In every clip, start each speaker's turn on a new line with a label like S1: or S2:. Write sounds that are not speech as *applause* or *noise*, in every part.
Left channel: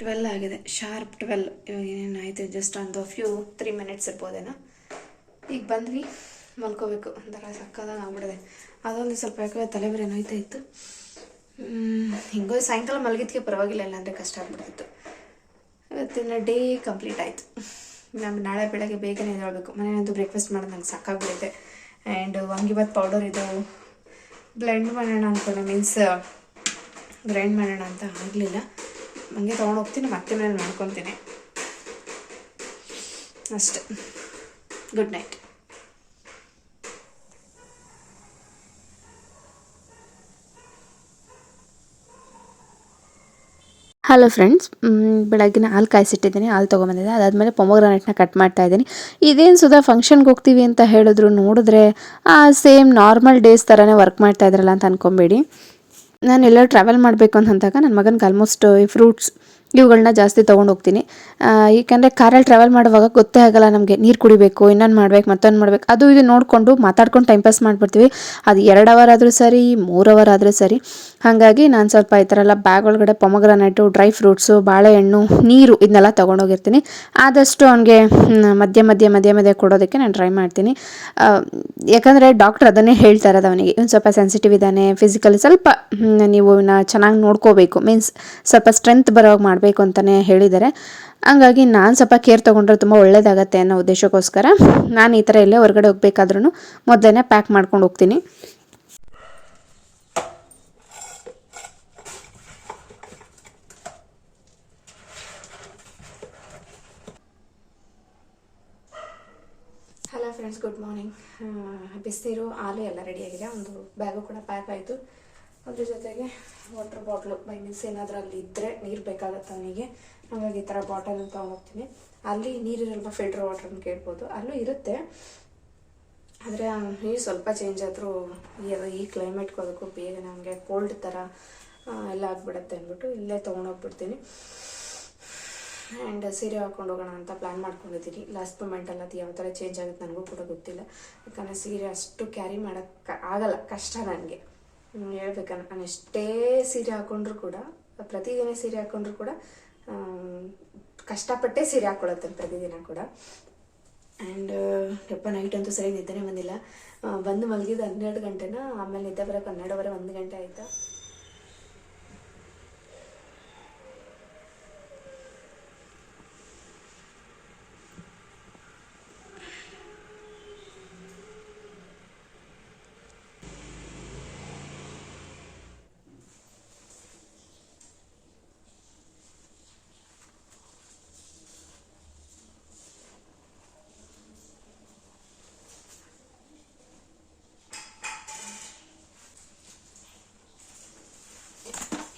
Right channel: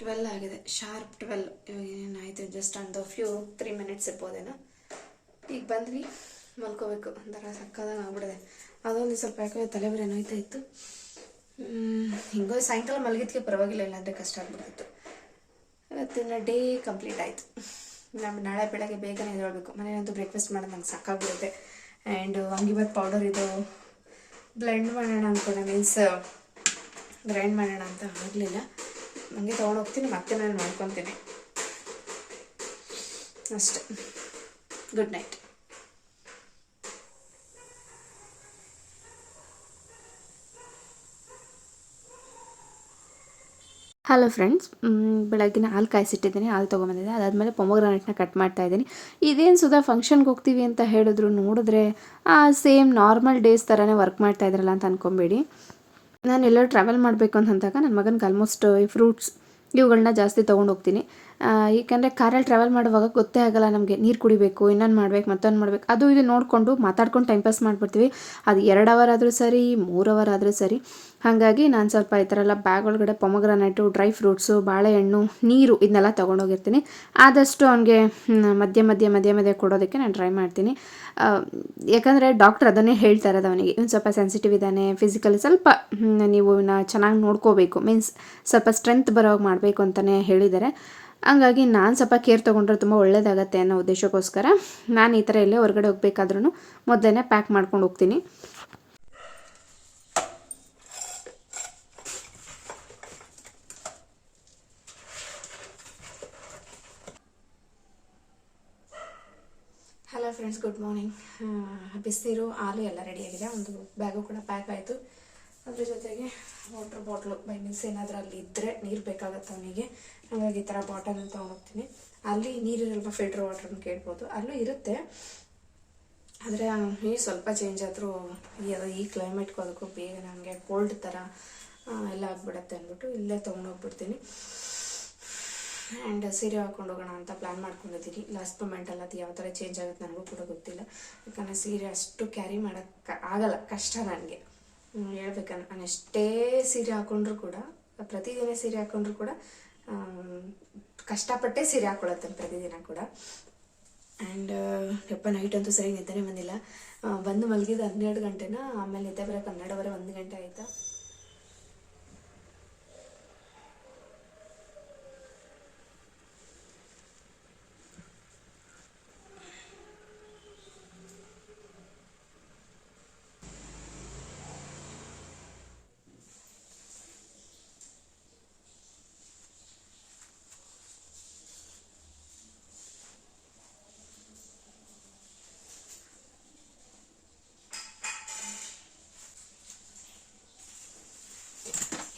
S1: Twelve ಆಗಿದೆ, sharp twelve. ಇವಾಗ ಏನೇನಾಯಿತು ಜಸ್ಟ್ ಒಂದು ಫ್ಯೂ ತ್ರೀ ಮಿನಿಟ್ಸ್ ಇರ್ಬೋದೇನೋ. ಈಗ ಬಂದ್ವಿ, ಮಲ್ಕೋಬೇಕು. ಒಂಥರ ಸಕ್ಕದಾಗ ಆಗ್ಬಿಡಿದೆ ಅದೊಂದು ಸ್ವಲ್ಪ ಯಾಕೋ ತಲೆಬರಿ ನೋಯ್ತಾ ಇತ್ತು. ಹಿಂಗೋ ಸಾಯಂಕಾಲ ಮಲಗಿದ್ಕೆ ಪರವಾಗಿಲ್ಲ, ಇಲ್ಲಾಂದರೆ ಕಷ್ಟ ಆಗ್ಬಿಡ್ತಿತ್ತು. ಇವತ್ತಿನ ಡೇ ಕಂಪ್ಲೀಟ್ ಆಯಿತು. ನಮ್ಮ ನಾಳೆ ಬೆಳಗ್ಗೆ ಬೇಗನೆ ಎದ್ದೇಳಬೇಕು. ಮನೆಯಂತೂ ಬ್ರೇಕ್ಫಾಸ್ಟ್ ಮಾಡೋದು ನಂಗೆ ಸಾಕಾಗ್ಬಿಡುತ್ತೆ ಆ್ಯಂಡ್ ವಾಂಗಿಬಾತ್ ಪೌಡರ್ ಇದು ಬ್ಲೆಂಡ್ ಮಾಡೋಣ ಅಂದ್ಕೊಂಡೆ ಮೀನ್ಸ್, ಗ್ರೈಂಡ್ ಮಾಡೋಣ ಅಂತ ಆಗಲಿಲ್ಲ. ಹಂಗೆ ತೊಗೊಂಡು ಹೋಗ್ತೀನಿ, ಮತ್ತೆ ಮನೇಲಿ ಮಾಡ್ಕೊತೀನಿ. ಅಷ್ಟೆ. Good night. ಹಲೋ ಫ್ರೆಂಡ್ಸ್ ಬೆಳಗ್ಗೆ ಹಾಲು ಕಾಯಿಸಿಟ್ಟಿದ್ದೀನಿ, ಹಾಲು ತೊಗೊಂಬಂದಿದ್ದೆ ಅದಾದಮೇಲೆ ಪೊಮೊಗ್ರಾನೆಟ್ನ ಕಟ್ ಮಾಡ್ತಾ ಇದ್ದೀನಿ. ಇದೇನು ಸುಧಾ ಫಂಕ್ಷನ್ಗೆ ಹೋಗ್ತೀವಿ ಅಂತ ಹೇಳಿದ್ರು ನೋಡಿದ್ರೆ ಸೇಮ್ ನಾರ್ಮಲ್ ಡೇಸ್ ಥರನೇ ವರ್ಕ್ ಮಾಡ್ತಾ ಇದ್ರಲ್ಲ ಅಂತ ಅಂದ್ಕೊಬೇಡಿ ನಾನು ಎಲ್ಲರೂ ಟ್ರಾವೆಲ್ ಮಾಡಬೇಕು ಅಂತಂದಾಗ ನನ್ನ ಮಗನಿಗೆ ಆಲ್ಮೋಸ್ಟ್ ಫ್ರೂಟ್ಸ್ ಇವುಗಳನ್ನ ಜಾಸ್ತಿ ತೊಗೊಂಡು ಹೋಗ್ತೀನಿ. ಏಕೆಂದರೆ ಕಾರಲ್ಲಿ ಟ್ರಾವೆಲ್ ಮಾಡುವಾಗ ಗೊತ್ತೇ ಆಗಲ್ಲ ನಮಗೆ ನೀರು ಕುಡಿಬೇಕು, ಇನ್ನೊಂದು ಮಾಡ್ಬೇಕು, ಮತ್ತೊಂದು ಮಾಡ್ಬೇಕು. ಅದು ಇದು ನೋಡಿಕೊಂಡು ಮಾತಾಡ್ಕೊಂಡು ಟೈಮ್ ಪಾಸ್ ಮಾಡಿಬಿಡ್ತೀವಿ. ಅದು ಎರಡು ಅವರ್ ಆದರೂ ಸರಿ, ಮೂರು ಅವರ್ ಆದರೂ ಸರಿ. ಹಾಗಾಗಿ ನಾನು ಸ್ವಲ್ಪ ಈ ಥರ ಎಲ್ಲ ಬ್ಯಾಗ್ ಒಳಗಡೆ ಪೊಮಗ್ರಾನೆಟು ಡ್ರೈ ಫ್ರೂಟ್ಸು ಬಾಳೆಹಣ್ಣು, ನೀರು ಇದನ್ನೆಲ್ಲ ತೊಗೊಂಡೋಗಿರ್ತೀನಿ ಆದಷ್ಟು ಅವನಿಗೆ ಮಧ್ಯ ಮಧ್ಯ ಮಧ್ಯ ಮಧ್ಯ ಕೊಡೋದಕ್ಕೆ ನಾನು ಟ್ರೈ ಮಾಡ್ತೀನಿ. ಯಾಕಂದರೆ ಡಾಕ್ಟ್ರ್ ಅದನ್ನೇ ಹೇಳ್ತಾ ಇರೋದು ಅವನಿಗೆ. ಇವ್ನು ಸ್ವಲ್ಪ ಸೆನ್ಸಿಟಿವ್ ಇದ್ದಾನೆ ಫಿಸಿಕಲಿ ಸ್ವಲ್ಪ ನೀವು ಚೆನ್ನಾಗಿ ನೋಡ್ಕೋಬೇಕು. ಮೀನ್ಸ್ ಸ್ವಲ್ಪ ಸ್ಟ್ರೆಂತ್ ಬರೋವಾಗ ಮಾಡಬೇಕು ಅಂತಲೇ ಹೇಳಿದ್ದಾರೆ. ಹಂಗಾಗಿ ನಾನು ಸ್ವಲ್ಪ ಕೇರ್ ತೊಗೊಂಡ್ರೆ ತುಂಬ ಒಳ್ಳೇದಾಗತ್ತೆ ಅನ್ನೋ ಉದ್ದೇಶಕ್ಕೋಸ್ಕರ ನಾನು ಈ ಥರ ಎಲ್ಲೇ ಹೊರಗಡೆ ಹೋಗ್ಬೇಕಾದ್ರೂ ಮೊದಲೇ ಪ್ಯಾಕ್ ಮಾಡ್ಕೊಂಡು ಹೋಗ್ತೀನಿ. ಹಲೋ ಫ್ರೆಂಡ್ಸ್ ಗುಡ್ ಮಾರ್ನಿಂಗ್ ಬಿಸಿನೀರು ಹಾಲು ಎಲ್ಲ ರೆಡಿಯಾಗಿದೆ ಒಂದು ಬ್ಯಾಗು ಕೂಡ ಪ್ಯಾಕ್ ಆಯಿತು. ಅದ್ರ ಜೊತೆಗೆ ವಾಟರ್ ಬಾಟ್ಲು ಬೈ ಮೀನ್ಸ್ ಏನಾದರೂ ಅಲ್ಲಿ ಇದ್ದರೆ ನೀರು ಬೇಕಾಗತ್ತೆ ಅವನಿಗೆ ಹಾಗಾಗಿ ಈ ಥರ ಬಾಟಲ್ ತೊಗೊಂಡೋಗ್ತೀನಿ. ಅಲ್ಲಿ ನೀರಿರಲ್ವ ಫಿಲ್ಟರ್ ಅಂತ ಕೇಳ್ಬೋದು. ಅಲ್ಲೂ ಇರುತ್ತೆ. ಆದರೆ ನೀರು ಸ್ವಲ್ಪ ಚೇಂಜ್ ಆದರೂ ಈ ಕ್ಲೈಮೇಟ್ಗೆ ಅದಕ್ಕೂ ಬೇಗ ನನಗೆ ಕೋಲ್ಡ್ ಥರ ಎಲ್ಲ ಆಗ್ಬಿಡತ್ತೆ ಅಂದ್ಬಿಟ್ಟು ಇಲ್ಲೇ ತೊಗೊಂಡೋಗ್ಬಿಡ್ತೀನಿ. ಆ್ಯಂಡ್ ಸೀರೆ ಹಾಕೊಂಡು ಹೋಗೋಣ ಅಂತ ಪ್ಲ್ಯಾನ್ ಮಾಡ್ಕೊಂಡಿದ್ದೀನಿ. ಲಾಸ್ಟ್ ಮೂಮೆಂಟಲ್ಲಿ ಅದು ಯಾವ ಥರ ಚೇಂಜ್ ಆಗುತ್ತೆ ನನಗೂ ಕೂಡ ಗೊತ್ತಿಲ್ಲ. ಯಾಕಂದರೆ ಸೀರೆ ಅಷ್ಟು ಕ್ಯಾರಿ ಮಾಡೋಕ್ಕೆ ಆಗಲ್ಲ. ಕಷ್ಟ ನನಗೆ. ಹೇಳ್ಬೇಕಂದ್ರೆ ನಾನು ಎಷ್ಟೇ ಸೀರೆ ಹಾಕೊಂಡ್ರು ಕೂಡ, ಪ್ರತಿದಿನ ಸೀರೆ ಹಾಕೊಂಡ್ರು ಕೂಡ ಕಷ್ಟಪಟ್ಟೆ ಸೀರೆ ಹಾಕೊಳ್ಳುತ್ತೇನೆ ಪ್ರತಿದಿನ ಕೂಡ. ಆ್ಯಂಡ್ ಯಪ್ಪ ನೈಟ್ ಅಂತೂ ಸರಿ ನಿದ್ದೆನೇ ಬಂದಿಲ್ಲ. ಬಂದು ಮಲಗಿದ್ದು ಹನ್ನೆರಡು ಗಂಟೆನ? ಆಮೇಲೆ ನಿದ್ದೆ ಬರೋಕೆ ಹನ್ನೆರಡುವರೆ, ಒಂದು ಗಂಟೆ ಆಯಿತು?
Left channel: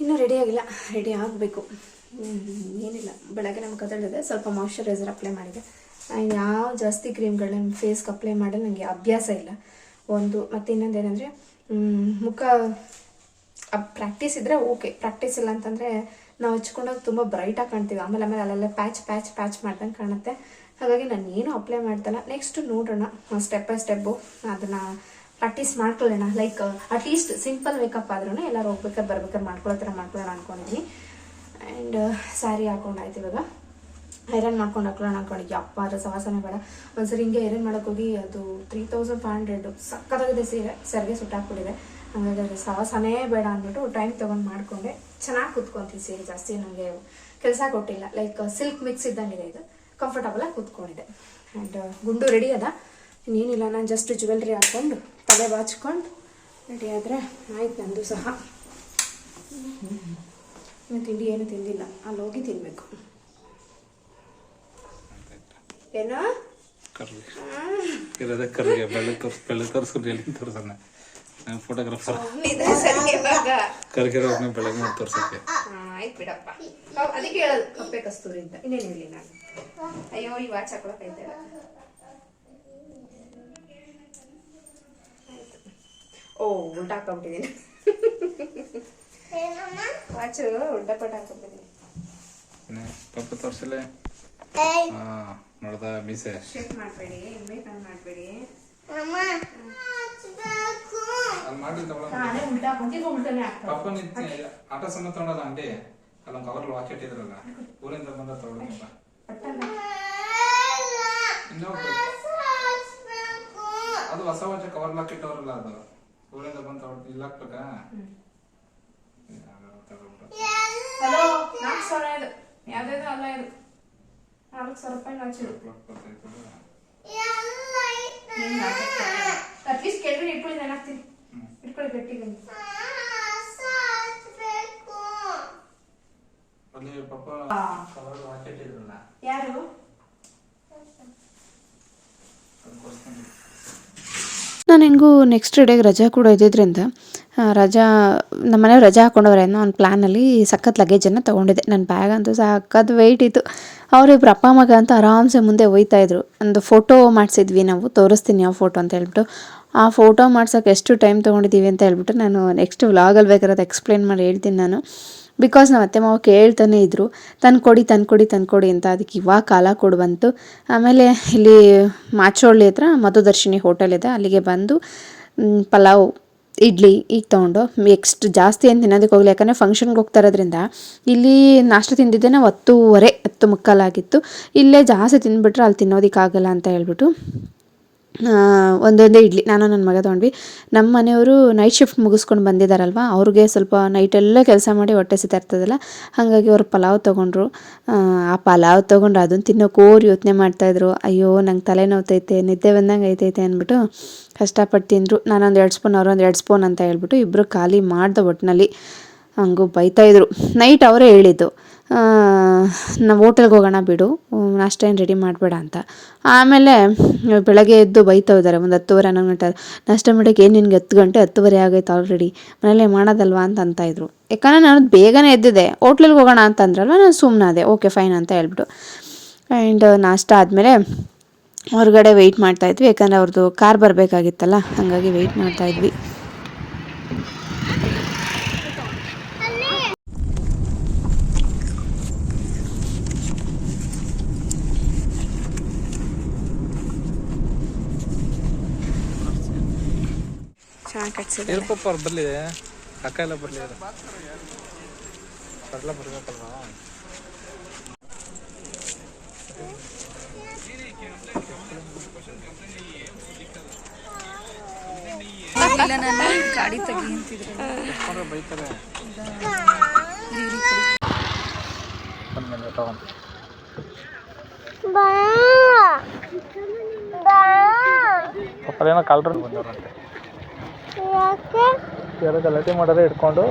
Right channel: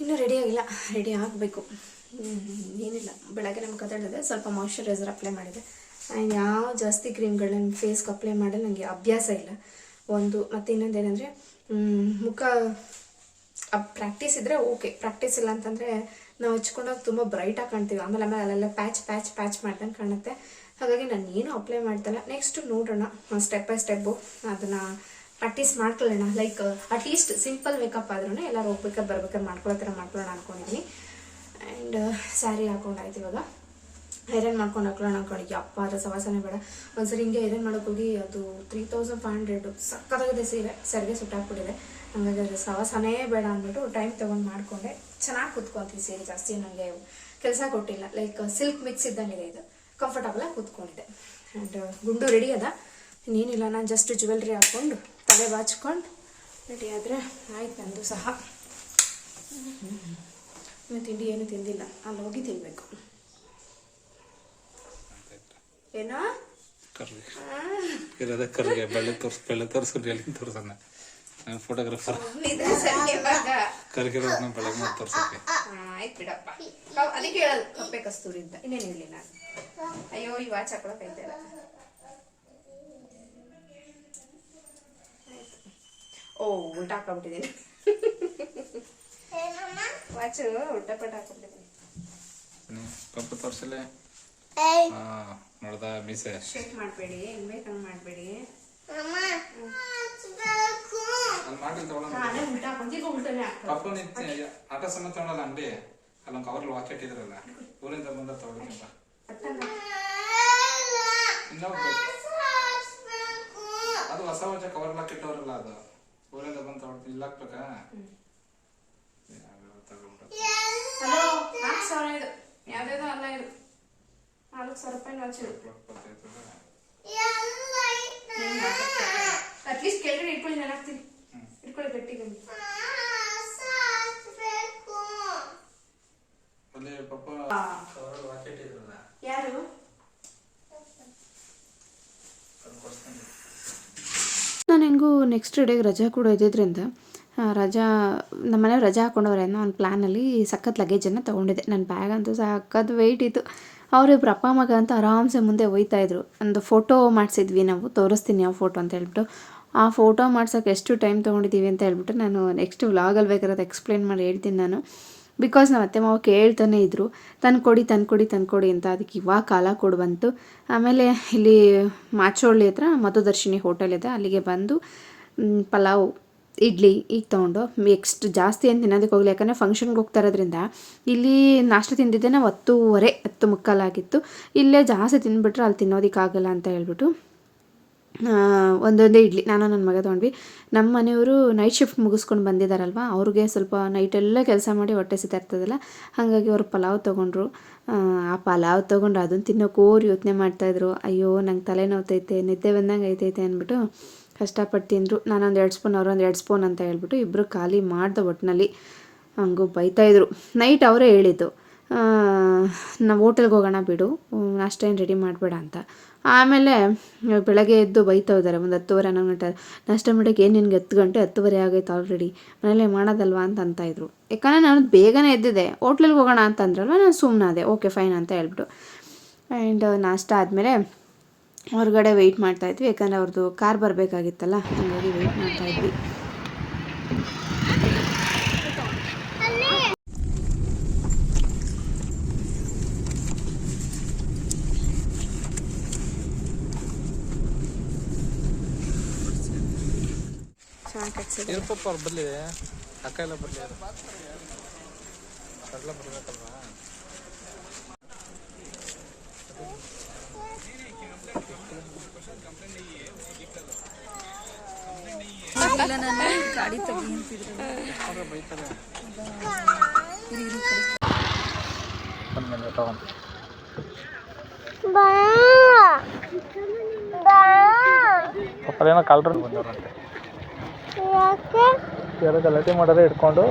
S1: ಇನ್ನೂ ರೆಡಿ ಆಗಿಲ್ಲ. ರೆಡಿ ಆಗಬೇಕು. ಏನಿಲ್ಲ. ಬೆಳಗ್ಗೆ ನಮ್ಮ ಕದಳಿದೆ ಸ್ವಲ್ಪ ಮಾಯ್ಶ್ಚರೈಸರ್ ಅಪ್ಲೈ ಮಾಡಿದೆ. ಯಾವ ಜಾಸ್ತಿ ಕ್ರೀಮ್ಗಳನ್ನ ಫೇಸ್ಗೆ ಅಪ್ಲೈ ಮಾಡಿ ನನಗೆ ಅಭ್ಯಾಸ ಇಲ್ಲ. ಒಂದು, ಮತ್ತು ಇನ್ನೊಂದು ಏನಂದರೆ ಮುಖ ಪ್ರಾಕ್ಟೀಸ್ ಇದ್ದರೆ ಓಕೆ ಪ್ರಾಕ್ಟೀಸ್ ಇಲ್ಲ ಅಂತಂದರೆ ನಾವು ಹಚ್ಕೊಂಡಾಗ ತುಂಬ ಬ್ರೈಟಾಗಿ ಕಾಣ್ತೀವಿ. ಆಮೇಲೆ ಆಮೇಲೆ ಅಲ್ಲೆಲ್ಲ ಪ್ಯಾಚ್ ಪ್ಯಾಚ್ ಪ್ಯಾಚ್ ಮಾಡ್ದಂಗೆ ಕಾಣುತ್ತೆ. ಹಾಗಾಗಿ ನಾನು ಏನು ಅಪ್ಲೈ ಮಾಡ್ತಲ್ಲ. ನೆಕ್ಸ್ಟ್ ನೋಡೋಣ. ಸ್ಟೆಪ್ ಬೈ ಸ್ಟೆಪ್ಪು ಅದನ್ನು ಪ್ರಾಕ್ಟೀಸ್ ಮಾಡ್ಕೊಳ್ಳೋಣ. Like at least simple makeup ಆದ್ರೂ ಎಲ್ಲರೂ ಹೋಗ್ಬೇಕಾದ್ರೆ ಬರ್ಬೇಕಾದ್ರೆ ಮಾಡ್ಕೊಳ್ಳೋ ಥರ ಮಾಡ್ಕೊಳ್ಳೋಣ ಅನ್ಕೊಂಡಿದ್ದೀನಿ ಆ್ಯಂಡ್ ಸ್ಯಾರಿ ಹಾಕೊಂಡಾಯ್ತು ಇವಾಗ. ಐರನ್ ಮಾಡ್ಕೊಂಡು ಹಾಕೊಳ್ಳೋಣ ಅನ್ಕೊಂಡಿದ್ದೆ ಅಪ್ಪ ಅದರ ಸವಾಸನೆ ಬೇಡ. ಒಂದ್ಸರಿ ಹಿಂಗೆ ಐರನ್ ಮಾಡೋಕೆ ಹೋಗಿ ಅದು ತ್ರೀ ತೌಸಂಡ್ ಫೈವ್ ಹಂಡ್ರೆಡ್ ಸಕ್ಕತ್ತಾಗಿದೆ ಸೀರೆ. ಸರಿಗೆ ಸುಟ್ಟಾಕ್ಬಿಟ್ಟಿದೆ ಹಂಗಾಗಿ ಅದು ಸವಾಸನೇ ಬೇಡ ಅಂದ್ಬಿಟ್ಟು ಟೈಮ್ ತೊಗೊಂಡು ಮಾಡಿಕೊಂಡೆ. ಚೆನ್ನಾಗಿ ಕೂತ್ಕೊಂತೀವಿ ಸೀರೆ ಜಾಸ್ತಿ ನನಗೆ ಕೆಲಸ ಕೊಟ್ಟಿಲ್ಲ. ಲೈಕ್ ಸಿಲ್ಕ್ ಮಿಕ್ಸ್ ಇದ್ದಂಗಿದೆ ಇದು. ಕಂಫರ್ಟಬಲ್ ಆಗಿ ಕೂತ್ಕೊಂಡಿದೆ ಆ್ಯಂಡ್ ಗುಂಡು ರೆಡಿ ಅದ. ಇನ್ನೇನಿಲ್ಲ ನಾನು ಜಸ್ಟ್ ಜ್ಯುವೆಲ್ರಿ ಹಾಕ್ಕೊಂಡು ತಲೆ ಬಾಚ್ಕೊಂಡು ರೆಡಿ ಆದರೆ ಆಯ್ತು ನಂದು ಸಹ. ಇನ್ನು ತಿಂಡಿ ಏನು ತಿಂದಿಲ್ಲ. ಅಲ್ಲಿ ಹೋಗಿ ತಿನ್ನಬೇಕು ಏನೋ?
S2: ಫೋಟೋಗ್ರಾಫರ್ ಕರ್ಗಿರೋದನ್ನ ಬೆಳಗ್ಗೆ ಮಾಡಿ ತೋರ್ಸಕ್ಕೆ
S1: ಆಯ್ತು ಬಿಡಪ್ಪ. ಅದಕ್ಕೆ ಹೇಳೋದು ಕಪ್ಪೆ ಕಸ್ತೂರಿ ಅಂತ. ಇನ್ನೇನು ಹೇಳಿ ನಾನು. ಅಯ್ಯೋ ಈ ವಾಚ್ ಹಾಕೊಳಕ್ ಐತೆ ಓ ಉಲ್ಟಾ ಹಾಕೊಂಡ್ಬಿಟ್ಟಿದ್ದೀನಿ ವಾಚು ಉಲ್ಟಾ ಪಟ್ಟ ಹಾಕೊಂಡ್ಬಿಟ್ಟಿದ್ದೀನಿ
S2: ಪಾಪ ತೋರ್ಸಲೆ ಹಾ ನೋಡ್ದ ಮೀಸೆ?
S1: ಶೇಕ್ ಮಾಡಬೇಡಿ ಮಾಡಬೇಡಿ.
S2: ನಿಂತ ಆಟ ಸಮೇತ ತಗೊಳೋದ ಅಂಗಡಿ? ಅಲ್ಲೊಂದು ಕವರ್ ವಾಚ್ ಇಟ್ಟಿದ್ರಲ್ಲ ಊರಿಂದ ಬಂದ ಇನ್ನೂ ಅದು ಹೊಸ ವಾಚ್ ಕವರ್ ಲಾಕ್ ಇಟ್ಟವ್ರಲ್ಲ ಅದು. ಊರಿಂದ ಬಂದು ತಗೊಳ್ತೀನಿ. ಇಲ್ಲ ತಗೊಳ್ಬಿಡು.
S3: ಹಲೋ ನಾಲ್ಕು ಸಾವಿರ ಇದು ಯಾವ್ದಾದ್ರು ಅಲ್ಲ ಇದು ನಾಲ್ಕು ಸಾವಿರ ರೂಪಾಯಿ
S2: ಅದು.
S3: ಅಟ್ಲೀಸ್ಟ್ ಕೆಳಗಡೆ ಇಟ್ಕೊಳ್ಳಿ ನಾನು ಹಾಕ್ತೀನಿ. ಇಟ್ಕೊಳ್ಳಿ ಗಟ್ಟಿಗೆ
S2: ಅಲ್ಲಿ ಪಪ್ಪ ಕವರ್ ವಾಚ್ ಇಟ್ಟಿದ್ರಲ್ಲ
S3: ಯಾರು?
S2: ಅದು ಕೊಡ್ಸ್ತೀನಿ
S1: ನಾನು ಹೆಂಗೂ ನೆಕ್ಸ್ಟ್ ಡೇಗೆ ರಜಾ ಕೂಡ ಇದ್ದಿದ್ದರಿಂದ ರಜಾ, ನಮ್ಮ ಮನೆಯವ್ರು ರಜಾ ಹಾಕೊಂಡವ್ರೆ ಅನ್ನೋ ಒಂದು ಪ್ಲ್ಯಾನಲ್ಲಿ ಸಖತ್ ಲಗೇಜನ್ನು ತೊಗೊಂಡಿದ್ದೆ. ನನ್ನ ಬ್ಯಾಗ್ ಅಂತೂ ಸಖತ್ ವೆಯ್ಟ್ ಇತ್ತು. ಅವರಿಬ್ರು ಅಪ್ಪ ಮಗ ಅಂತ ಆರಾಮ್ಸೆ ಮುಂದೆ ಒಯ್ತಾಯಿದ್ರು ಒಂದು ಫೋಟೋ ಮಾಡಿಸಿದ್ವಿ ನಾವು, ತೋರಿಸ್ತೀನಿ ಯಾವ ಫೋಟೋ ಅಂತ ಹೇಳ್ಬಿಟ್ಟು. ಆ ಫೋಟೋ ಮಾಡ್ಸೋಕೆ ಎಷ್ಟು ಟೈಮ್ ತೊಗೊಂಡಿದ್ದೀವಿ ಅಂತ ಹೇಳ್ಬಿಟ್ಟು ನಾನು ನೆಕ್ಸ್ಟ್ ವ್ಲಾಗಲ್ಲಿ ಬೇಕಾದ್ರೆ ಎಕ್ಸ್ಪ್ಲೇನ್ ಮಾಡಿ ಹೇಳ್ತೀನಿ ನಾನು. ಬಿಕಾಸ್ ನಮ್ಮ ಅತ್ತೆ ಮಾವ ಕೇಳ್ತಾನೆ ಇದ್ದರು ತಂದ್ಕೊಡಿ ತಂದ್ಕೊಡಿ ತಂದ್ಕೊಡಿ ಅಂತ ಅದಕ್ಕೆ ಇವಾಗ ಕಾಲ ಕೊಡು ಬಂತು. ಆಮೇಲೆ ಇಲ್ಲಿ ಮಾಚೋಳ್ಳಿ ಹತ್ರ ಮಧುದರ್ಶಿನಿ ಹೋಟೆಲ್ ಇದೆ, ಅಲ್ಲಿಗೆ ಬಂದು ಪಲಾವ್, ಇಡ್ಲಿ ಈಗ ತೊಗೊಂಡು ನೆಕ್ಸ್ಟ್ ಜಾಸ್ತಿ ಏನು ತಿನ್ನೋದಕ್ಕೆ ಹೋಗಲಿ ಯಾಕಂದರೆ ಫಂಕ್ಷನ್ಗೆ ಹೋಗ್ತಾ ಇರೋದ್ರಿಂದ ಇಲ್ಲಿ ನಾಷ್ಟ ತಿಂದಿದ್ದೆ ನಾವು ಹತ್ತೂವರೆ, ಹತ್ತು ಮುಕ್ಕಾಲಾಗಿತ್ತು ಇಲ್ಲೇ ಜಾಸ್ತಿ ತಿಂದುಬಿಟ್ರೆ ಅಲ್ಲಿ ತಿನ್ನೋದಕ್ಕಾಗಲ್ಲ ಅಂತ ಹೇಳ್ಬಿಟ್ಟು ಒಂದೊಂದೇ ಇಡ್ಲಿ. ನಾನು ನನ್ನ ಮಗ ತೊಗೊಂಡ್ವಿ. ನಮ್ಮ ಮನೆಯವರು ನೈಟ್ ಶಿಫ್ಟ್ ಮುಗಿಸ್ಕೊಂಡು ಬಂದಿದ್ದಾರಲ್ವ ಅವ್ರಿಗೆ ಸ್ವಲ್ಪ ನೈಟೆಲ್ಲ ಕೆಲಸ ಮಾಡಿ ಹೊಟ್ಟೆ ಇರ್ತದಲ್ಲ ಹಾಗಾಗಿ ಅವ್ರು ಪಲಾವ್ ತೊಗೊಂಡ್ರು. ಆ, ಪಲಾವ್ ತೊಗೊಂಡು ಅದನ್ನು ತಿನ್ನೋ ಓರ್ ಯೋಚನೆ ಮಾಡ್ತಾಯಿದ್ರು ಅಯ್ಯೋ ನಂಗೆ ತಲೆ ನೋವ್ತೈತೆ ನಿದ್ದೆ ಬಂದಂಗೆ ಐತೈತೆ ಅಂದ್ಬಿಟ್ಟು ಕಷ್ಟಪಟ್ಟು ತಿಂದರು. ನಾನೊಂದು ಎರಡು ಸ್ಪೂನ್ ಅವ್ರೊಂದು ಎರಡು ಸ್ಪೂನ್ ಅಂತ ಹೇಳ್ಬಿಟ್ಟು ಇಬ್ಬರು ಖಾಲಿ ಮಾಡ್ದೆ ಒಟ್ಟಿನಲ್ಲಿ ಹಂಗೂ ಬೈತಾಯಿದ್ರು ನೈಟ್ ಅವರೇ ಹೇಳಿದ್ದು. ನಾವು ಹೋಟೆಲ್ಗೆ ಹೋಗೋಣ ಬಿಡು ನಾಷ್ಟ ಏನು ರೆಡಿ ಮಾಡಬೇಡ ಅಂತ. ಆಮೇಲೆ, ಬೆಳಗ್ಗೆ ಎದ್ದು ಬೈತಾ ಇದ್ದಾರೆ, ಒಂದು ಹತ್ತುವರೆ, ಹನ್ನೊಂದು ಗಂಟೆ, ನಾಷ್ಟ ಮಾಡೋಕ್ಕೆ ಏನು ನಿನಗೆ ಹತ್ತು ಗಂಟೆ, ಹತ್ತುವರೆ ಆಗೈತೆ ಆಲ್ರೆಡಿ ಮನೇಲೆ ಮಾಡೋದಲ್ವಾ ಅಂತ ಅಂತ ಇದ್ರು. ಯಾಕಂದರೆ ನಾನು ಬೇಗನೆ ಎದ್ದಿದ್ದೆ ಹೋಟ್ಲಲ್ಲಿ ಹೋಗೋಣ ಅಂತ ಅಂದ್ರಲ್ವ, ನಾನು ಸುಮ್ಮನಾದೆ ಓಕೆ ಫೈನ್ ಅಂತ ಹೇಳ್ಬಿಟ್ಟು. ಆ್ಯಂಡ್ ನಾಷ್ಟ ಆದಮೇಲೆ ಹೊರಗಡೆ ವೆಯ್ಟ್ ಮಾಡ್ತಾಯಿದ್ವಿ ಯಾಕಂದರೆ ಅವ್ರದ್ದು ಕಾರ್ ಬರಬೇಕಾಗಿತ್ತಲ್ಲ, ಹಾಗಾಗಿ ವೆಯ್ಟ್ ಮಾಡ್ತಾಯಿದ್ವಿ
S3: ಚೆನ್ನಾಗಿ ಕಟ್ಸಿದೆ
S2: ಏನ್ ಪಪ್ಪ ಅವ್ರು ಬರ್ಲಿ ಅಕ್ಕ ಎಲ್ಲ ಬರ್ಲಿ ಇಲ್ಲ ಬರ್ಬೇಕಲ್ವಾ
S4: ಗಾಡಿ ತೆಗಿ ಅಂತಿದ್ರು
S2: ಪಪ್ಪ ಏನೋ ಕಾಲ್ರ ಬಂದವ್ರಂತೆ. ಯಾರೋ ಗಲಾಟೆ ಮಾಡೋದೇ ಇಟ್ಕೊಂಡು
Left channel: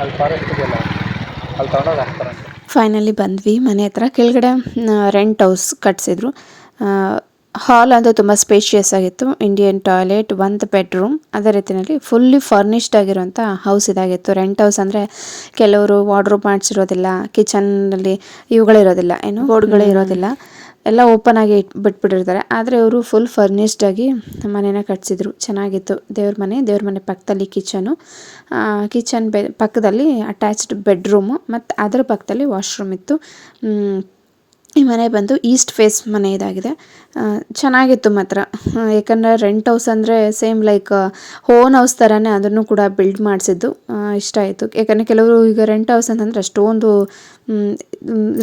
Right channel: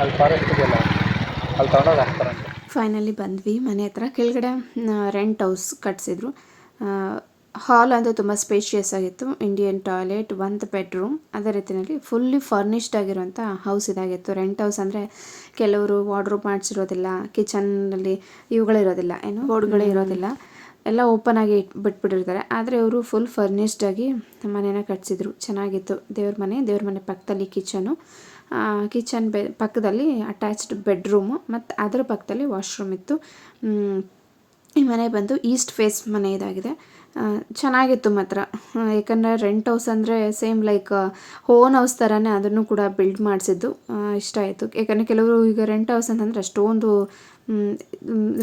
S2: ಅಲ್ಲಿ ಫಾರೆಸ್ಟ್ ಇದೆಯಲ್ಲ ಅಲ್ಲಿ ತಗೊಂಡೋಗಿ ಹಾಕ್ತಾರಂತೆ
S1: ಫೈನಲಿ ಬಂದ್ವಿ. ಮನೆ ಹತ್ರ ಕೆಳಗಡೆ ರೆಂಟ್ ಹೌಸ್ ಕಟ್ಸಿದ್ರು. ಹಾಲ್ ಅಂತೂ ತುಂಬ ಸ್ಪೇಷಿಯಸ್ ಆಗಿತ್ತು. ಇಂಡಿಯನ್ ಟಾಯ್ಲೆಟ್ ಒಂದು ಬೆಡ್ರೂಮ್ ಅದೇ ರೀತಿಯಲ್ಲಿ ಫುಲ್ಲಿ ಫರ್ನಿಶ್ಡ್ ಆಗಿರುವಂಥ ಹೌಸ್ ಇದಾಗಿತ್ತು. ರೆಂಟ್ ಹೌಸ್ ಅಂದರೆ ಕೆಲವರು ವಾರ್ಡ್ರೋಬ್ ಮಾಡಿಸಿರೋದಿಲ್ಲ ಕಿಚನ್ನಲ್ಲಿ ಇವುಗಳಿರೋದಿಲ್ಲ ಏನು ಬೋರ್ಡ್ಗಳೇ ಇರೋದಿಲ್ಲ. ಎಲ್ಲ ಓಪನ್ ಆಗಿ ಇಟ್ ಬಿಟ್ಬಿಟ್ಟಿರ್ತಾರೆ. ಆದರೆ ಇವರು ಫುಲ್ ಫರ್ನಿಶ್ಡ್ ಆಗಿ ಮನೇನ ಕಟ್ಸಿದ್ರು. ಚೆನ್ನಾಗಿತ್ತು. ದೇವ್ರ ಮನೆ ದೇವ್ರ ಮನೆ ಪಕ್ಕದಲ್ಲಿ ಕಿಚನು ಕಿಚನ್ ಬೆ ಪಕ್ಕದಲ್ಲಿ ಅಟ್ಯಾಚ್ಡ್ ಬೆಡ್ರೂಮು ಮತ್ತು ಅದರ ಪಕ್ಕದಲ್ಲಿ ವಾಶ್ರೂಮ್ ಇತ್ತು. ಈ ಮನೆ ಬಂದು ಈಸ್ಟ್ ಫೇಸ್ ಮನೆ ಇದಾಗಿದೆ. ಚೆನ್ನಾಗಿತ್ತು ಮಾತ್ರ. ಯಾಕಂದರೆ ರೆಂಟ್ ಹೌಸ್ ಅಂದರೆ ಸೇಮ್ ಲೈಕ್ ಓನ್ ಹೌಸ್ ಥರನೇ ಅದನ್ನು ಕೂಡ ಬಿಲ್ಡ್ ಮಾಡಿಸಿದ್ದು ಇಷ್ಟ ಆಯಿತು. ಯಾಕಂದರೆ ಕೆಲವರು ಈಗ ರೆಂಟ್ ಹೌಸ್ ಅಂತಂದರೆ ಅಷ್ಟೊಂದು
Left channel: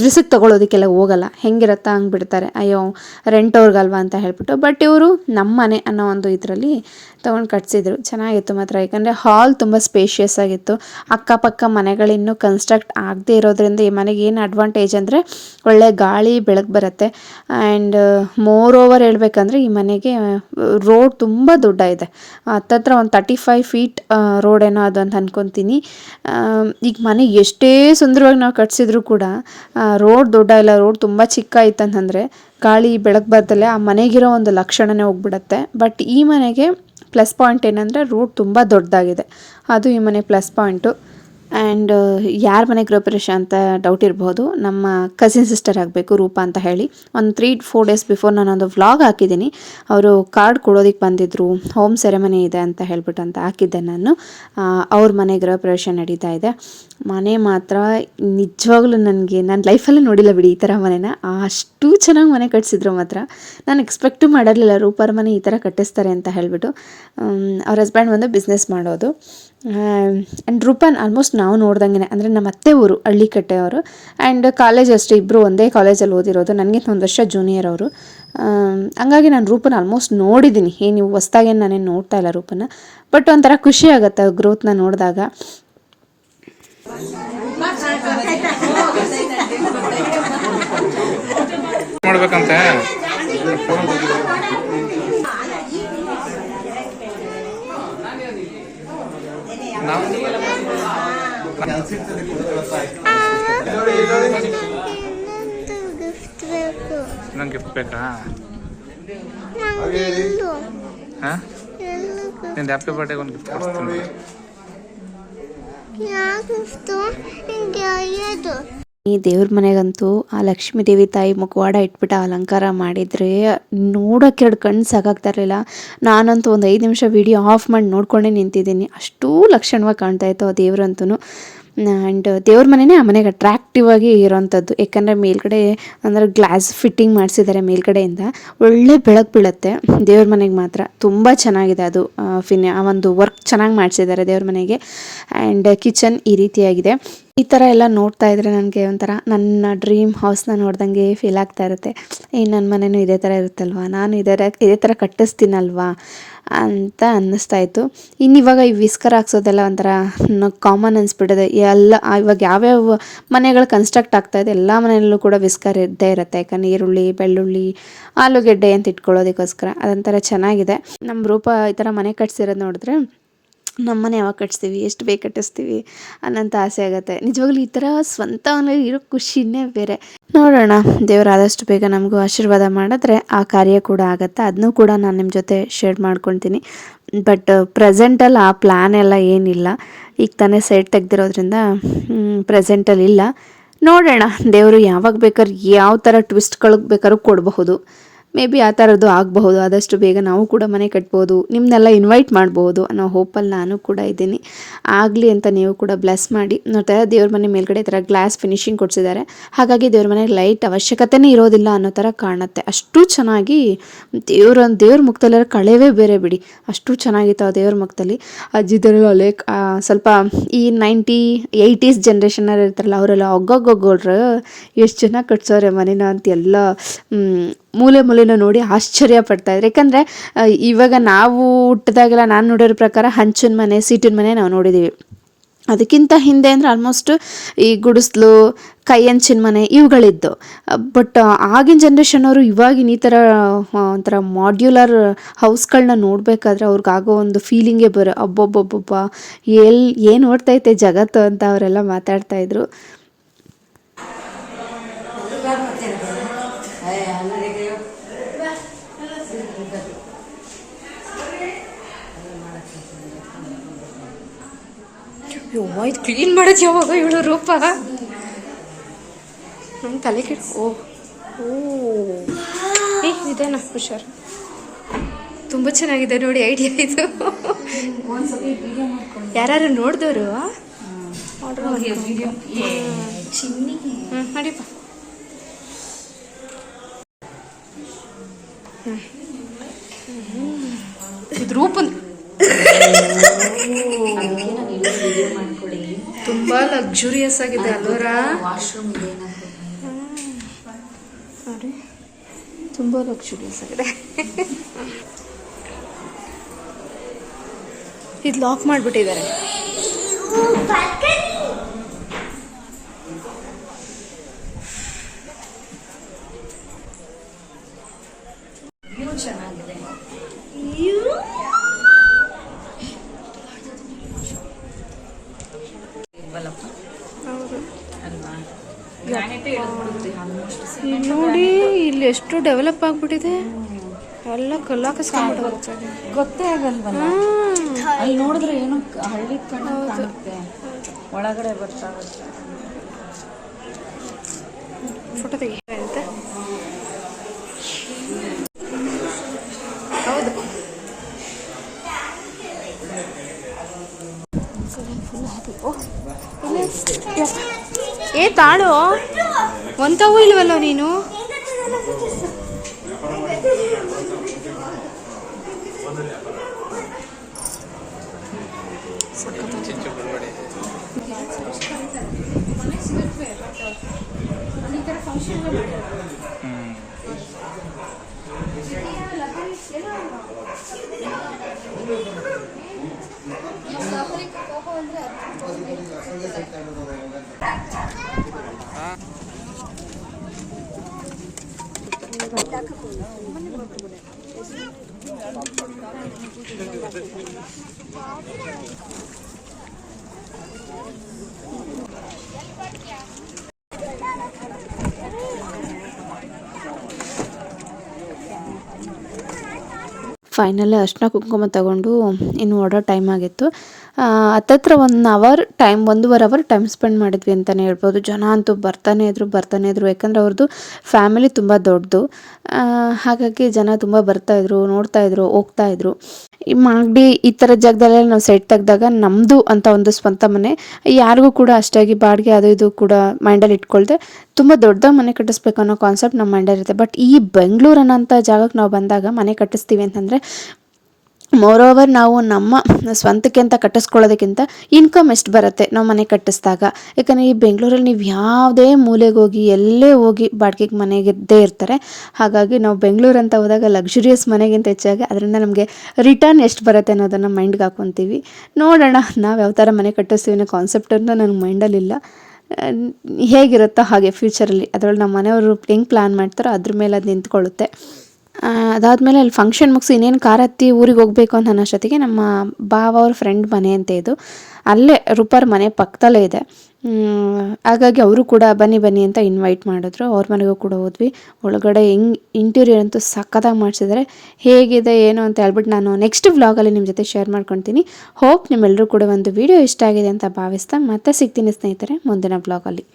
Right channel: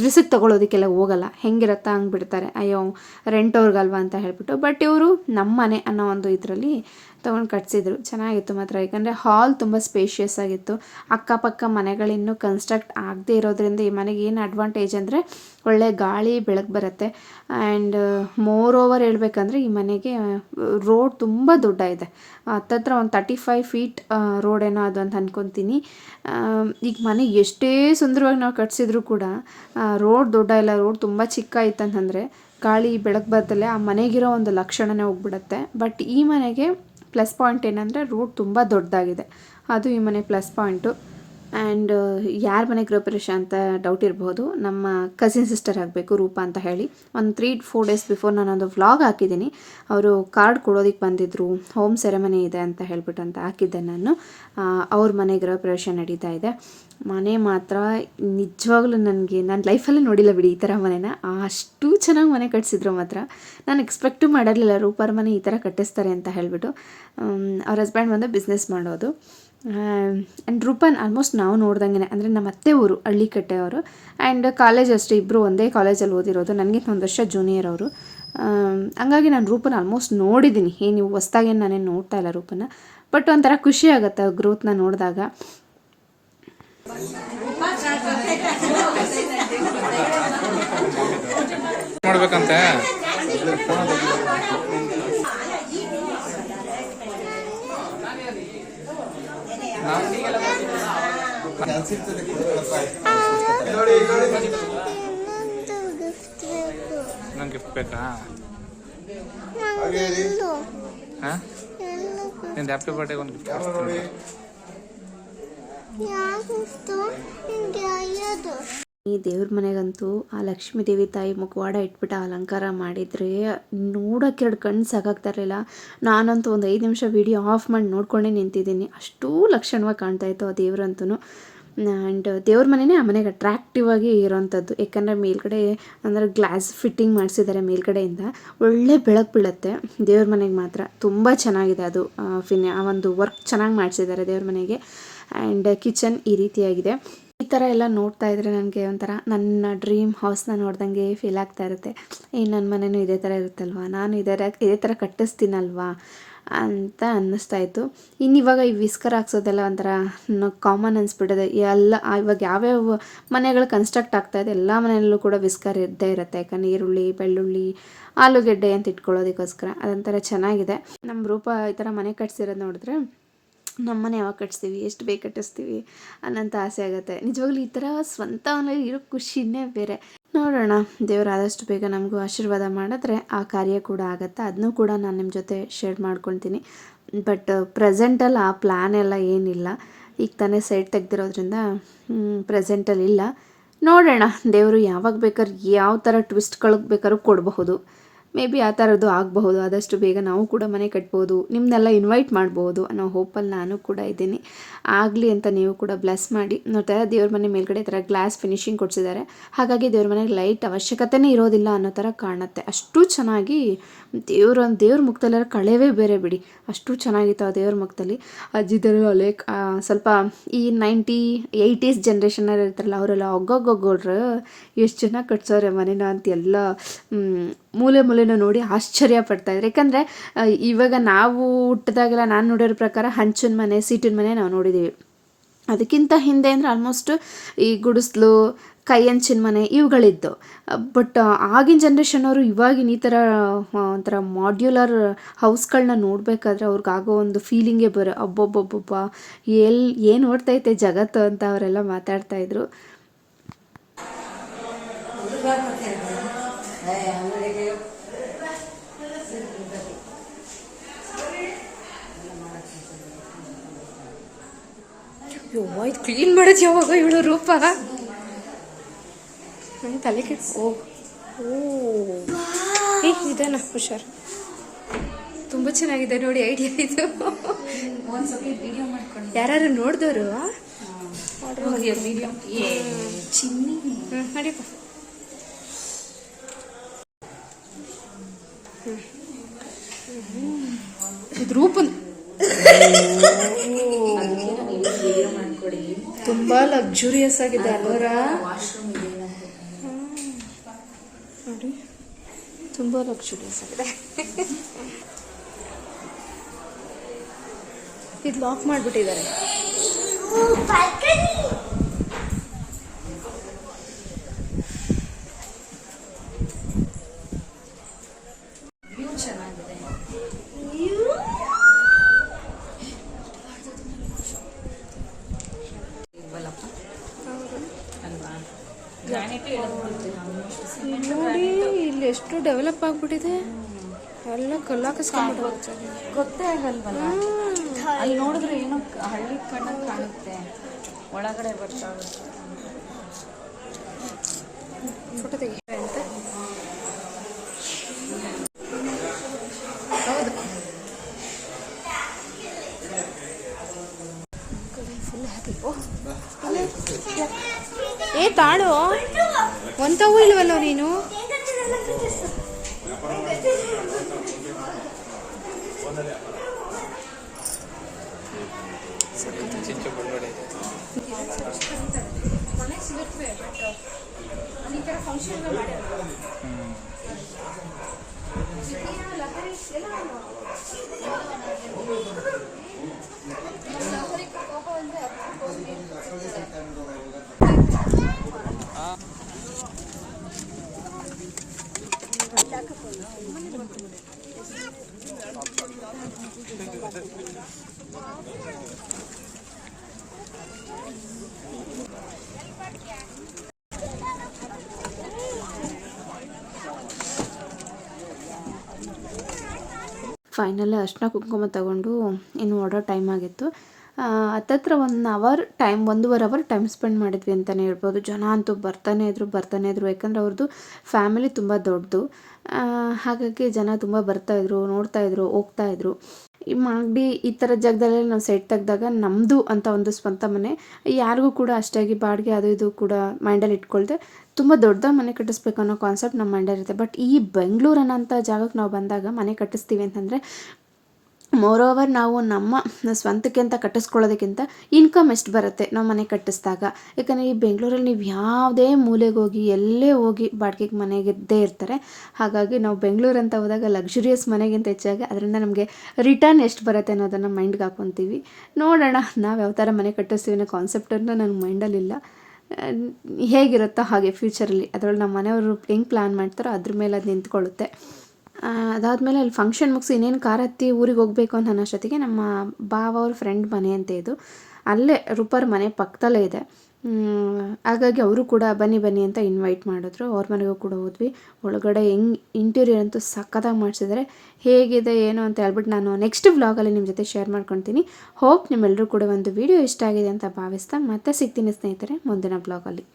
S1: ರಿಸಿಕ್ ತೊಗೊಳೋದಕ್ಕೆಲ್ಲ ಹೋಗಲ್ಲ. ಹೆಂಗಿರತ್ತಾ ಹಂಗೆ ಬಿಡ್ತಾರೆ. ಅಯ್ಯೋ ರೆಂಟ್ ಅವ್ರಿಗಲ್ವಾ ಅಂತ ಹೇಳಿಬಿಟ್ಟು. ಬಟ್ ಇವರು ನಮ್ಮ ಮನೆ ಅನ್ನೋ ಒಂದು ಇದರಲ್ಲಿ ತೊಗೊಂಡು ಕಟ್ಸಿದ್ರು. ಚೆನ್ನಾಗಿತ್ತು ಮಾತ್ರ. ಯಾಕಂದರೆ ಹಾಲ್ ತುಂಬ ಸ್ಪೇಷಿಯಸ್ ಆಗಿತ್ತು. ಅಕ್ಕಪಕ್ಕ ಮನೆಗಳಿನ್ನೂ ಕನ್ಸ್ಟ್ರಕ್ಟ್ ಆಗದೇ ಇರೋದ್ರಿಂದ ಈ ಮನೆಗೆ ಏನು ಅಡ್ವಾಂಟೇಜ್ ಅಂದರೆ ಒಳ್ಳೆ ಗಾಳಿ, ಬೆಳಕು ಬರುತ್ತೆ. ಆ್ಯಂಡ್ ಮೋರ್ ಓವರ್ ಹೇಳ್ಬೇಕಂದ್ರೆ ಈ ಮನೆಗೆ ರೋಡ್ ತುಂಬ ದೊಡ್ಡ ಇದೆ. ಹತ್ತತ್ರ ಒಂದು ತರ್ಟಿ ಫೈವ್ ಫೀಟ್ ರೋಡ್ ಏನೋ ಅದು ಅಂತ ಅಂದ್ಕೊತೀನಿ ಈಗ ಮನೆ ಎಷ್ಟೇ ಸುಂದರವಾಗಿ ನಾವು ಕಟ್ಸಿದ್ರು ಕೂಡ ರೋಡ್ ದೊಡ್ಡ ಇಲ್ಲ. ರೋಡ್ ತುಂಬ ಚಿಕ್ಕ ಇತ್ತಂತಂದರೆ ಗಾಳಿ, ಬೆಳಕು ಬರ್ತಲ್ಲೇ ಆ ಮನೆಗಿರೋ ಒಂದು ಲಕ್ಷಣನೇ ಹೋಗ್ಬಿಡತ್ತೆ. ಬಟ್ ಈ ಮನೆಗೆ ಪ್ಲಸ್ ಪಾಯಿಂಟ್ ಏನಂದರೆ ರೂಟ್ ತುಂಬ ದೊಡ್ಡದಾಗಿದೆ. ಅದು ಈ ಮನೆ ಪ್ಲಸ್ ಪಾಯಿಂಟು ಆ್ಯಂಡ್ ಯಾರ ಮನೆ ಗೃಹಪ್ರವೇಶ ಅಂತ ಡೌಟ್ ಇರಬಹುದು ನಮ್ಮ ಕಸಿನ್ ಸಿಸ್ಟರ್ ಆಗಬೇಕು, ರೂಪ ಅಂತ ಹೇಳಿ. ಒಂದು ತ್ರೀ ಫೋರ್ ಡೇಸ್ ಬಿಫೋರ್ ನಾನೊಂದು ವ್ಲಾಗ್ ಹಾಕಿದ್ದೀನಿ. ಅವರು ಕಾರ್ಡ್ ಕೊಡೋದಕ್ಕೆ ಬಂದಿದ್ದರು ಹೋಮ್ ಸೆರೆಮನಿ ಇದೆ ಅಂತ ಹೇಳ್ಬಿಟ್ಟು ಅಂತ ಹಾಕಿದ್ದೆ ನಾನು. ಅವ್ರ ಮನೆ ಗೃಹಪ್ರವೇಶ ನಡೀತಾ ಇದೆ. ಮನೆ ಮಾತ್ರ ನಿಜವಾಗ್ಲೂ ನನಗೆ, ನಾನು ಲೈಫಲ್ಲೇ ನೋಡಿಲ್ಲ ಬಿಡಿ ಈ ಥರ ಮನೆನ. ಅಷ್ಟು ಚೆನ್ನಾಗಿ ಮನೆ ಕಟ್ಸಿದ್ರು ಮಾತ್ರ. ನಾನು ಎಕ್ಸ್ಪೆಕ್ಟು ಮಾಡಿರಲಿಲ್ಲ ರೂಪಾರ ಮನೆ ಈ ಥರ ಕಟ್ಟಿಸ್ತಾರೆ ಅಂತ ಹೇಳಿಬಿಟ್ಟು. ಅವ್ರ ಹಸ್ಬೆಂಡ್ ಒಂದು ಬಿಸ್ನೆಸ್ ಮಾಡೋದು. ಆ್ಯಂಡ್ ರೂಪಾನ್ ಆಲ್ಮೋಸ್ಟ್ ನಾವು ನೋಡ್ದಂಗೆ ಅಂದರೆ ನಮ್ಮ ಅತ್ತೆ ಊರು, ಹಳ್ಳಿಕಟ್ಟೆ ಅವರು. ಆ್ಯಂಡ್ ಕಾಲೇಜ್ ಅಷ್ಟೇ ಇಬ್ಬರು ಒಂದೇ ಕಾಲೇಜಲ್ಲಿ ಓದಿರೋದು. ನನಗೆ ಒಂದು ವರ್ಷ ಜೂನಿಯರ್ ಅವರು. ಹಂಗಾಗಿ ನಾನು ರೂಪನ ಆಲ್ಮೋಸ್ಟ್ ನೋಡಿದ್ದೀನಿ ಏನು ನೀವು ಹೊಸ್ದಾಗೇನು ನಾನೇನು ನೋಡ್ತಾ ಇಲ್ಲ ರೂಪನ ಬಟ್ ಒಂಥರ ಖುಷಿ ಆಗುತ್ತೆ ಗ್ರೋತ್ನ ನೋಡಿದಾಗ. *laughs*
S2: ಮಾಡ್ಬೇಕಂತೆ? ನಂಗೆ ಗಿಫ್ಟ್ ಬೇಕಾ? ಹಾಂ? ನಿಂದು ಹ್ಯಾಪಿ ಬರ್ಡೇಗೆ ಒಂದು ಗಿಫ್ಟ್ ಕೊಡ್ತೀನಿ
S1: ಈ ದೇವ್ರ ಮನೆಗಂತೂ ಆ ಲಕ್ಷ್ಮೀ ದೇವಿ ತಾಯಿ ಮುಖವಾಡ ಇಟ್ಬಿಟ್ಟು ಅಲಂಕಾರ ಮಾಡಿದರೆ ನೋಡೋಕೆ ಎರಡು ಕಣ್ಣು ಸಾಕಾಗ್ತಾ ಇರಲಿಲ್ಲ. ನಾನಂತೂ ಒಂದು ಐದು ನಿಮಿಷ ವಿಡಿಯೋ ಆಫ್ ಮಾಡಿ ನೋಡ್ಕೊಂಡೇ ನಿಂತಿದ್ದೀನಿ. ಅಷ್ಟೂ ಲಕ್ಷಣವಾಗಿ ಕಾಣ್ತಾ ಇತ್ತು ಆ ದೇವ್ರಂತೂ ಆ್ಯಂಡ್ ದೇವ್ರ ಮನೆಯೇ ಆ ಮನೆಗೆ ಅಟ್ರಾಕ್ಟಿವ್ ಆಗಿ ಇರೋವಂಥದ್ದು ಯಾಕಂದರೆ ಮೇಲ್ಗಡೆ ಅಂದರೆ ಗ್ಲಾಸ್ ಫಿಟ್ಟಿಂಗ್ ಮಾಡಿಸಿದ್ದಾರೆ ಮೇಲ್ಗಡೆಯಿಂದ. ಒಳ್ಳೆ ಬೆಳಕು ಬೀಳುತ್ತೆ. ದೇವ್ರ ಮನೆಗೆ ಮಾತ್ರ. ತುಂಬ ಚೆನ್ನಾಗಿದೆ ಅದು ಫಿನ್ ಆ ಒಂದು ವರ್ಕ್ ಚೆನ್ನಾಗಿ ಮಾಡಿಸಿದ್ದಾರೆ ದೇವ್ರ ಮನೆಗೆ. ಆ್ಯಂಡ್ ಕಿಚನ್ ಈ ರೀತಿಯಾಗಿದೆ. ಈ ಥರ ಎಲ್ಲ ನೋಡ್ತಾ ಇದ್ರೆ ನನಗೆ ಒಂಥರ ನನ್ನ ಡ್ರೀಮ್ ಹೌಸ್ನ ನೋಡ್ದಂಗೆ ಫೀಲ್ ಆಗ್ತಾ ಇರುತ್ತೆ. ಏ ನನ್ನ ಮನೇನೂ ಇದೇ ಥರ ಇರುತ್ತಲ್ವಾ? ನಾನು ಇದೇ ಇದೇ ಥರ ಕಟ್ಟಿಸ್ತೀನಲ್ವಾ? ಅಂತ ಅನ್ನಿಸ್ತಾ ಇತ್ತು. ಇನ್ನು ಇವಾಗ ಈ ವಿಸ್ಕರ್ ಹಾಕ್ಸೋದೆಲ್ಲ ಒಂಥರ ಕಾಮನ್ ಅನಿಸ್ಬಿಟ್ಟಿದೆ. ಎಲ್ಲ ಇವಾಗ ಯಾವ್ಯಾವ ಮನೆಗಳು ಕನ್ಸ್ಟ್ರಕ್ಟ್ ಆಗ್ತಾ ಇದೆ, ಎಲ್ಲ ಮನೆಯಲ್ಲೂ ಕೂಡ ವಿಸ್ಕರ್ ಇದ್ದೇ ಇರುತ್ತೆ. ಯಾಕಂದರೆ ಈರುಳ್ಳಿ ಬೆಳ್ಳುಳ್ಳಿ, ಆಲೂಗೆಡ್ಡೆ ಅಂತ ಇಟ್ಕೊಳ್ಳೋದಕ್ಕೋಸ್ಕರ. ಅದೊಂಥರ ಚೆನ್ನಾಗಿದೆ. ನಮ್ಮ ರೂಪ ಈ ಥರ ಮನೆ ಕಟ್ಸಿರೋದು ನೋಡಿದ್ರೆ ನಮ್ಮನೆ ಯಾವಾಗ ಕಟ್ಸ್ತೀವಿ, ಎಷ್ಟು ಬೇಗ ಕಟ್ಟಿಸ್ತೀವಿ ಅನ್ನೋಂಥ ಆಸೆ ಆಗುತ್ತೆ. ನಿಜವಾಗ್ಲೂ ಈ ಥರ ಸ್ವಂತ ಇರೋ ಖುಷಿನೇ ಬೇರೆ. ನೋಡೋಣ. ದೇವರು ಆದಷ್ಟು ಬೇಗ ನಮಗೂ ಆಶೀರ್ವಾದ ಮಾಡಿದ್ರೆ ಆ ಕಾರ್ಯ ಕೂಡ ಆಗುತ್ತೆ. ಅದನ್ನೂ ಕೂಡ ನಾನು ನಿಮ್ಮ ಜೊತೆ ಶೇರ್ ಮಾಡ್ಕೊತೀನಿ. ಬಟ್ ಪ್ರೆಸೆಂಟಲ್ಲಿ ಆ ಪ್ಲ್ಯಾನ್ ಎಲ್ಲ ಏನಿಲ್ಲ. ಈಗ ತಾನೇ ಸೈಡ್ ತೆಗ್ದಿರೋದ್ರಿಂದ ಪ್ರೆಸೆಂಟಲ್ಲಿ ಇಲ್ಲ. ನೋಡೋಣ. ದೇವರು ಯಾವಾಗ ಬೇಕಾದ್ರೆ ಯಾವ ಥರ ಟ್ವಿಸ್ಟ್ಗಳಿಗೆ ಬೇಕಾದ್ರೂ ಕೊಡಬಹುದು. ಮೇ ಬಿ ಆ ಥರದ್ದು ಆಗಬಹುದು, ಆದಷ್ಟು ಬೇಗ ನಾವು ಕೂಡ ಮನೆ ಕಟ್ಬೋದು ನಿಮ್ಮನ್ನೆಲ್ಲ ಇನ್ವೈಟ್ ಮಾಡ್ಬೋದು ಅನ್ನೋ ಹೋಪಲ್ಲಿ ನಾನು ಕೂಡ ಇದ್ದೀನಿ. ಆಗಲಿ ಅಂತ ನೀವು ಕೂಡ ಬ್ಲೆಸ್ ಮಾಡಿ. ನೋಡ್ತಾ ದೇವ್ರ ಮನೆ ಮೇಲ್ಗಡೆ ಈ ಥರ ಗ್ಲಾಸ್ ಫಿನಿಶಿಂಗ್ ಕೊಡಿಸಿದ್ದಾರೆ. ಹಾಗಾಗಿ ದೇವ್ರ ಮನೆ ಲೈಟ್ ಅವಶ್ಯಕತೆನೇ ಇರೋದಿಲ್ಲ ಅನ್ನೋ ಥರ ಕಾಣುತ್ತೆ. ಅಷ್ಟು ಚೆನ್ನಾಗಿ ದೇವ್ರ ದೇವ್ರ ಮುಖದಲ್ಲಿ ಕಳೆವೇ ಬೇರೆ ಬಿಡಿ. ಅಷ್ಟು ಚೆನ್ನಾಗಿತ್ತು ಆ ದೇವ್ರ ಮುಖದಲ್ಲಿ. ಅಜ್ಜಿದರು ಲೈಕ್ ಸ್ವಲ್ಪ ಈ ನೈಂಟಿ ಏಯ್ಟೀಸ್ ಜನ್ರೇಷನಲ್ಲಿ ಇರ್ತಾರಲ್ಲ, ಅವರೆಲ್ಲ ಒಗ್ಗೊಗ್ಗೊಗ್ಗೋಳ್ರು. ಎಷ್ಟು ಚೆನ್ನಾಗಿ ಕಟ್ಸೋರೆ ಮನೇನ ಅಂತ ಎಲ್ಲ ಮೂಲೆ ಮೂಲೆನ ನೋಡಿ ಆಶ್ಚರ್ಯ ಪಡ್ತಾ ಇದ್ರು. ಯಾಕಂದರೆ ಇವಾಗ ನಾವು ಹುಟ್ಟಿದಾಗೆಲ್ಲ ನಾನು ನೋಡಿರೋ ಪ್ರಕಾರ ಹಂಚಿನ ಮನೆ, ಸೀಟಿನ ಮನೆ ನಾವು ನೋಡಿದ್ದೀವಿ ಅದಕ್ಕಿಂತ ಹಿಂದೆ ಅಂದರೆ ಆಲ್ಮೋಸ್ಟ್ ಈ ಗುಡಿಸ್ಲು ಕೈ ಹಂಚಿನ ಮನೆ ಇವುಗಳಿದ್ದು. ಬಟ್ ಆಗಿನ ಜನ್ರೇಷನವರು ಇವಾಗಿನ ಈ ಥರ ಒಂಥರ ಮಾಡ್ಯುಲರ್ ಹೌಸ್ಗಳನ್ನ ನೋಡಬೇಕಾದ್ರೆ ಅವ್ರಿಗಾಗೋ ಒಂದು ಫೀಲಿಂಗೇ ಬರೋ. ಅಬ್ಬೊಬ್ಬೊಬ್ಬೊಬ್ಬ ಎಲ್ಲಿ ಏನು ಓಡ್ತೈತೆ ಜಗತ್ತು ಅಂತ ಅವರೆಲ್ಲ ಮಾತಾಡ್ತಾ ಇದ್ರು
S3: ಯವ್ವ ಇದು ಕ್ಲೀನ್ ಮಾಡೋದು ಯಾವಾಗ ಇವಳು ರೂಪ. ನಮ್ಮ ತಲೆ ಕೆಟ್ಟು ಓ ಓ. ಏ ಇದೇನ ಹುಷಾರು. ತುಂಬ ಚೆನ್ನಾಗಿದೆ ನೋಡಿ ಐಡಿಯಾ ಇದು. ಯಾರು ನೋಡಿದವರು ಆರ್ಡರ್ ಹ್ಞೂ ನಡೀಪ ಇದು ರೂಪನ್ ತುಂಬಾ ಲಕ್ಸುರಿಯಸ್ ಆಗಿದೆ ಅಲ್ವರ? ನೋಡಿ ತುಂಬಾ ಲಕ್ಸುರಿಯಸ್ ಆಗಿದೆ. *laughs* ಇದು ಲಾಕ್ ಮಾಡಿಬಿಟ್ಟಿದ್ದಾರೆ ಹೌದು ಇಲ್ಲಿ ನೋಡಿ ಇಲ್ಲಿ ಎಷ್ಟು ಡೆವಲಪ್ ಆಗ್ಬಿಟ್ಟಿದೆ. ಎಲ್ಲ ಕಲ್ಲಾಕಸ್ಕೊಂಡ್ಬಿಟ್ಟು
S4: ಗೊತ್ತೇ ಆಗಲ್ವಲ್ಲ ಅಲ್ಲಿ ನೋಡಿದ್ರೆ ಏನು ಹಳ್ಳಿ ಕಾಣುತ್ತೆ. ಒಳಗಡೆ ಬರ್ತಾ
S3: ಫೋಟೋ ತೆಗಿ ಅಂತ. ಹೌದು. ಫುಲ್ ಹ್ಯಾಪಿ ಓ ಏ ತಾಳು ಒಂತವೂ ಇಲ್ವಲ್ಲೋ ನೀನು?
S1: ಹಾಂ ಫೈನಲಿ ಅರ್ಶಿನ ಕುಂಕುಮ ತಗೊಂಡು ಇನ್ನು ಹೊರಡೋ ಟೈಮ್ ಆಗಿತ್ತು. ಹತ್ತತ್ರ ಒನ್ ಅವರ್ ಟೈಮ್ ಒಂದೂವರೆ ಅವರ್ ಟೈಮ್ ಸ್ಪೆಂಡ್ ಮಾಡಿದ್ವಿ ಅಂತಲೇ ಹೇಳ್ಬೋದು. ಜನ ಅಂತೂ ಬರ್ತಾನೆ ಇದ್ರು ಬರ್ತಾನೆ ಇದ್ರು. ಯಾಕಂದರೆ ಅವ್ರದ್ದು ಫ್ಯಾಮಿಲಿ ತುಂಬ ದೊಡ್ಡದು. ಹಾಗಾಗಿ ಜನ ತುಂಬ ಬರ್ತಾಯಿದ್ರು ನೋಡ್ತಾಯಿದ್ರು ಹೋಗ್ತಾಯಿದ್ರು ಈ ಮಾಗಡಿ ಈ ಥರ ಜಾಗದಲ್ಲೆಲ್ಲ ನಾವು ಸೆಟ್ ತೆಗೆದಾಗ ನಮ್ಮದು ಅಂತ ಒಂದು ಸ್ವಂತ ಮನೆ, ಯಾರಿಗೂ ಕೂಡ ಅಷ್ಟಾಗಿ ಬಾಡಿಗೆ ಅದು ಇದು ಕೂಡ ಮೈಂಡಲ್ಲಿ ಇಟ್ಕೊಳ್ದೆ ತುಂಬ ದೊಡ್ಡದಾಗಿ ಮನೆ ಕಟ್ಟಿಸ್ಬೇಕು ಅನ್ನೋ ಕಾನ್ಸೆಪ್ಟ್ ನಮ್ಮ ಮೈಂಡಲ್ಲಿರುತ್ತೆ ಬಟ್ ಈ ಬೆಂಗಳೂರು ಅನ್ನೋಂಥ ಜಾಗಕ್ಕೆ ನಾವು ಬಂದಾಗ ಮನೆ ಕಟ್ಟಿಸ್ತೀವಿ ಅಂತಂದರೆ ಮೋರೋವರ್ ನಾವು ನಮ್ಮ ಸ್ವಂತಕ್ಕೆ ಅಂತ ಕಟ್ಟಿಸ್ಕೊಳ್ಳೋದಕ್ಕಿಂತ ಇನ್ಕಮ್ ಎಷ್ಟು ಬರುತ್ತೆ ನಾವು ಮನೆ ಕಟ್ಟಿಸಿದಾಗ. ಯಾಕಂದರೆ ಈ ಬೆಂಗಳೂರಲ್ಲಿ ನೀವು ಯಾವುದೇ ಮೂಲೆಗೆ ಹೋಗಿ, ಎಲ್ಲೇ ಹೋಗಿ ಬಾಡಿಗೆಗೆ ಮನೆಗಿದ್ದೇ ಇರ್ತಾರೆ. ಹಾಗಾಗಿ ನಾವು ಬೆಂಗಳೂರು ಅಂತ ಹೋದಾಗ ಲಕ್ಸುರಿಯಸ್ ಮನೆಗಿಂತ ಹೆಚ್ಚಾಗಿ ಅದರಿಂದ ನಮಗೆ ರಿಟರ್ನ್ ಎಷ್ಟು ಬರುತ್ತೆ ಅನ್ನೋದನ್ನು ಮೈಂಡ್ಗೆ ಹಾಕ್ಕೊತೀವಿ ನೋಡೋಣ, ನಾವು ಯಾವ ಥರ ಮನೆ ಕಟ್ಟಿಸ್ತೀವಿ ಅನ್ನೋ ಕಾನ್ಸೆಪ್ಟ್ ಅಂತ ನನಗೆ ಮೈಂಡಲ್ಲಿಲ್ಲ ಹೇಗಿರುತ್ತೋ ಹಾಗೆ ಫ್ಯೂಚರಲ್ಲಿ ಅದರಲ್ಲಿ ನಮ್ಮ ಮನೆಯವರು ಹೆಂಗೆ ಪ್ಲ್ಯಾನ್ ಮಾಡ್ತಾರೋ ಅದ್ರ ಮೇಲೆ ಅದು ನಿಂತ್ಕೊಳ್ಳುತ್ತೆ. ಅದಾದಮೇಲೆ ಅಲ್ಲಿ ಫಂಕ್ಷನ್ ಮುಗಿಸಿ ಇನ್ನೇನು ಕಾರ್ ಹತ್ತಿ ಊರಿಗೆ ಹೋಗಬೇಕು ಅಂತ ಅನ್ನೋಷ್ಟೊತ್ತಿಗೆ ನಮ್ಮ ಬಾವ ಅವ್ರ ಫ್ರೆಂಡ್ ಮನೆ ಅಂತ ಇದು. ಅಲ್ಲೇ ರೂಪಾರ್ ಮನೆ ಪಕ್ಕದಲ್ಲೇ ಇದೆ. ಹಾಗಾಗಿ ಅವರು ಕೂಡ ಬನ್ನಿ ಬನ್ನಿ ಅಂತ ಇನ್ವೈಟ್ ಮಾಡಿದ್ರು. ಅವ್ರ ಮನೆಗೂ ಕೂಡ ಹೋದ್ವಿ. ಒಳಗಡೆ ಹೆಂಗ್ ಇಂಟೀರಿಯರ್ ಅಂತೂ ಸಖತ್ತಾಗಿ ಮಾಡಿಸಿದ್ದಾರೆ ಹೇಗಿದೆ, ಏನು ಅಂತ ಹೇಳ್ಬಿಟ್ಟು ನಾನು ನೆಕ್ಸ್ಟ್ ವ್ಲಾಗಲ್ಲಿ ನಿಮ್ಮ ಜೊತೆ ಶೇರ್ ಮಾಡ್ಕೊತೀನಿ. ಹೋಪ್ ನಿಮ್ಮೆಲ್ಲರೂ ಕೂಡ ಒಂದು ವಿಡಿಯೋ ಇಷ್ಟ ಆಗಿದೆ ಅಂತ ಭಾವಿಸ್ತಾ ಮತ್ತೆ ಸಿಗ್ತೀನಿ ಸ್ನೇಹಿತರೆ ಮುಂದಿನ ವ್ಲಾಗಲ್ಲಿ